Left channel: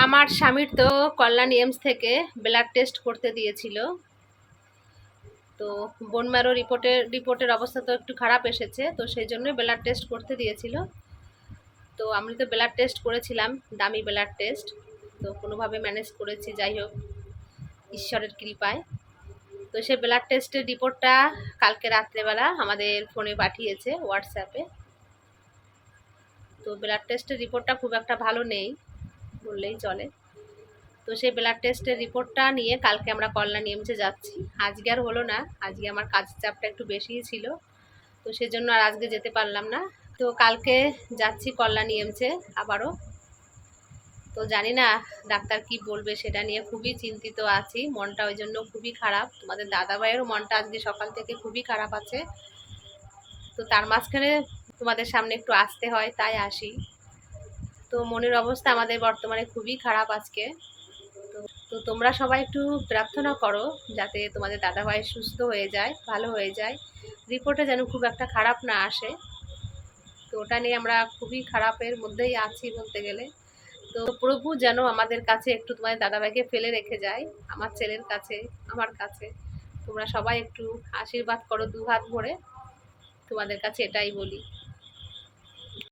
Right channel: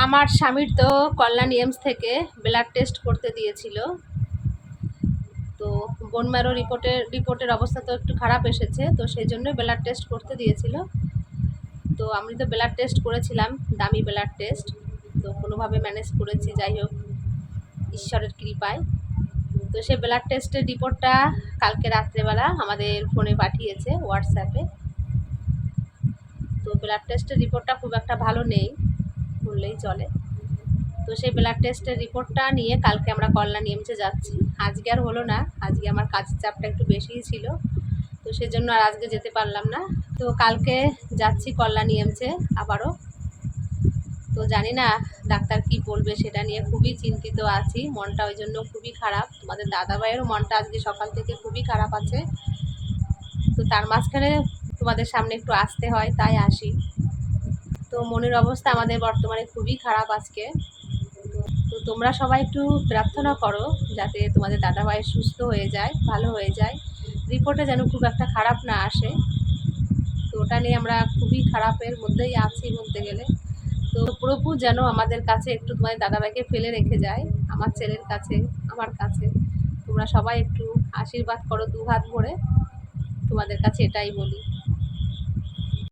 আমার স্বামীর তো কল্যাণ এমস থেকে ব্লাড টেস্ট করতে দিয়েছিল। তো বোন ম্যারো রিপোর্টের অবস্থা তো একটু খারাপ এসেছে, তো সেই জন্য ব্লাড টেস্ট করতে দিয়েছিল। তো আমি তো ব্লাড টেস্ট করেছিলাম, দামি ব্লাড টেস্ট। তো কোনোভাবে ম্যানেজ করেছি, যাই হোক ঈশ্বরের কৃপায়। তো সেই ব্লাড টেস্টের রিপোর্টটা কালকে রাত্রেবেলা আমাদের ফোনে পাঠিয়েছে, হোয়াটসঅ্যাপে। তো ব্লাড টেস্টের রিপোর্টটা খুব একটা ভালো নেই বললেই চলে। তো সেই ব্লাড টেস্টের রিপোর্টটা নিয়ে কালকে আমরা কল্যাণ এমসে যাচ্ছি। আজকে আর হলো না, আজকে আমার কাজের চাপটা একটু বেশিই ছিল, তো সেজন্য আর আজকে যেতে পারলাম না। তো কালকে যাচ্ছি কল্যাণ এমসে আবারও। তো জানি না ডাক্তার কি বলবে, সেটা নিয়ে খুবই চিন্তিত আছি। মনটা ওই জন্য খুবই খারাপ। তোমাদের দাদাভাইয়েরও মনটা আজকে সকাল থেকে খুবই খারাপ আছে। তো তার মাঝখানে তোমাদের সামনে একটু আসতে হয়, তাই আসি। তো মনের অবস্থা আমাদের বর্তমানে খুবই খারাপ আজকে। তো তোমরা সবাই একটু প্রার্থনা করো যাতে তোমাদের দাদাভাই সুস্থ হয়ে যায়, ভালো হয়ে যায়, রিপোর্টে যেন খুব একটা খারাপ না আসে। তো ওটা নিয়ে আমরা খুবই খারাপের মধ্যেই আছি বলতে গেলে। তো প্রভু যেন আমাদের কাছে একটু তোমাদের দাদাভাইকে ফেলে রেখে যায়, আমার ছেলের কাছে, আমার কাছে। তোমরা সবাই একটু আশীর্বাদ করো দু হাত ভরে, তোমাদের কাছে এটাই বলি।